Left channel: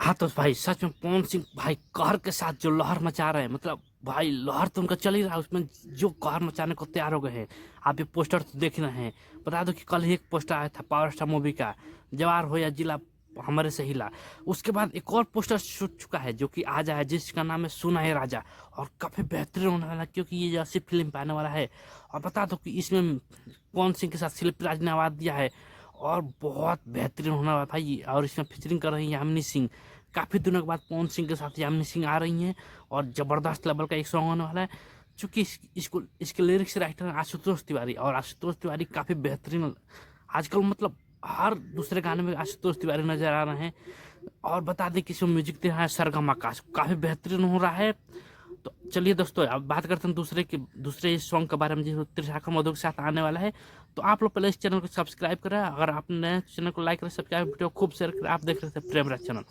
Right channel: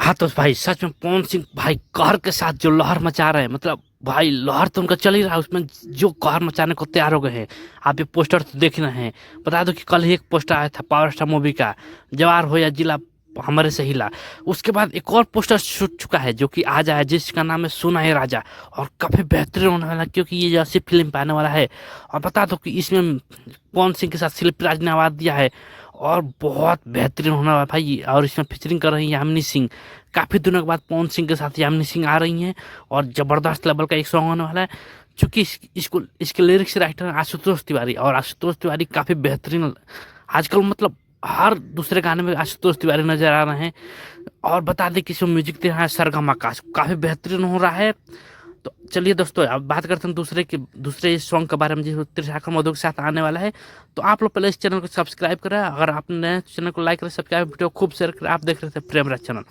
हाँ तो भाई सच में पवन सिंह भाई कहर के साथ जो लहर मचा रहे हैं, मतलब भाई लहर तो उनका चल ही रहा है, उसमें जो कहर मचाने को तैयार हो गए हैं। आप ये पोस्टर तो देख ही रहे हैं। बता दो कि कल ही एक पोस्टर आया था पावर स्टार मूवी का, जवार हो या जिला हमारे से हिला। उसके बाद एक और पोस्टर छूट चुका है जो कि आज आया, जिसका नाम है सुना है राजा। और काफी बेहतरीन होने वाला है, क्योंकि ये जैसी फिल्म पे आने वाला है। और बता दो कि इसमें पवन सिंह के साथ शिल्पी राज ने आवाज दिया है। और बहुत बेहतरीन होने वाला है भाई। और इसमें फीचरिंग कर रही है यामिनी सिंह। काफी दिनों के बाद पवन सिंह के साथ यामिनी सिंह आ रही हैं। और जबरदस्त लेवल का एक सॉन्ग होने वाला है। चूंकि इसके लिरिक्स राइटर हैं आशुतोष तिवारी, और आशुतोष तिवारी काफी बेहतरीन आजकल, मतलब हर दूसरे गाने में आशुतोष तिवारी नजर आ रहे हैं। और बता दें कि इसमें म्यूजिक दे रहा है सरगम आकाश, काफी बेहतरीन हो रहा है। तो चलिए दोस्तों, अब बात करते हैं दूसरे सॉन्ग के बारे में, जो त्रिशाखर मधु के साथ आने वाला है। तो आप लोग पहले इस चैनल को सब्सक्राइब करें, अगर आपने चैनल को लाइक करें, सब्सक्राइब, वीडियो खूब शेयर करें। आप देख रहे थे प्रेम राज चैनल।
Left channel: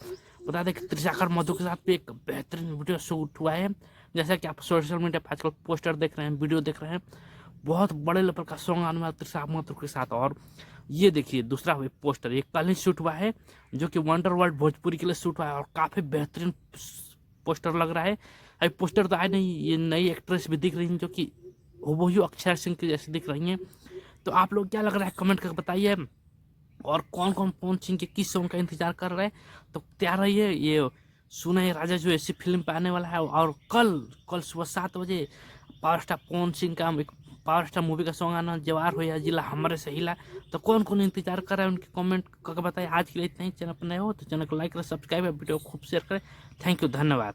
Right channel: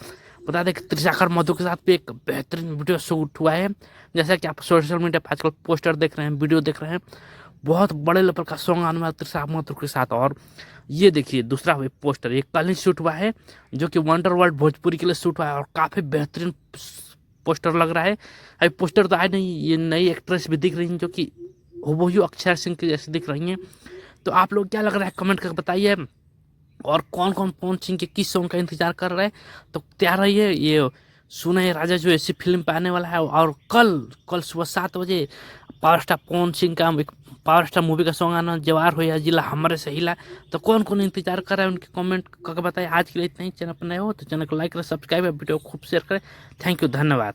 बता दें कि त्रिशाखर मधु के साथ भी एक बेहतरीन वीडियो शूट हुआ है। जैसा कि आप सोशल मीडिया पर आजकल पोस्टर देख रहे हैं, वीडियो देख रहे हैं। बहुत बड़े लेवल का सॉन्ग आने वाला त्रिशाखर मधु के साथ। और ये देखिए दूसरा पोस्टर, ये कल ही शूट हुआ है, जो कि वंडर वर्ल्ड भोजपुरी के लिए शूट हुआ है। और काफी बेहतरीन पोस्टर लग रहा है। अभी पोस्टर तो आए नहीं, ये नई एक्ट्रेस भी दिख रही हैं जो कि हूबहू अक्षय सिंह की जैसी दिख रही हैं। तो आप लोग क्या लग रहा है कमेंट करके बताइए। और कौन कौन पवन सिंह के किस सॉन्ग का इंतजार कर रहे हैं, तो तैयार रहिए। ये सुने हैं राजा जो ऐसी फिल्म पे आने वाला है। और कल कल सुबह 7 बजे पावर स्टार पवन सिंह का एक पावर स्टार मूवी का सॉन्ग आना, जवार हो या जिला हमारे से हिला। तो कौन कौन इंतजार कर रहा है, उनके कमेंट करके बताइए। आज के लिए इतना ही। चैनल पर नए हो तो चैनल को लाइक करें, सब्सक्राइब, वीडियो खूब शेयर करें। थैंक यू, धन्यवाद।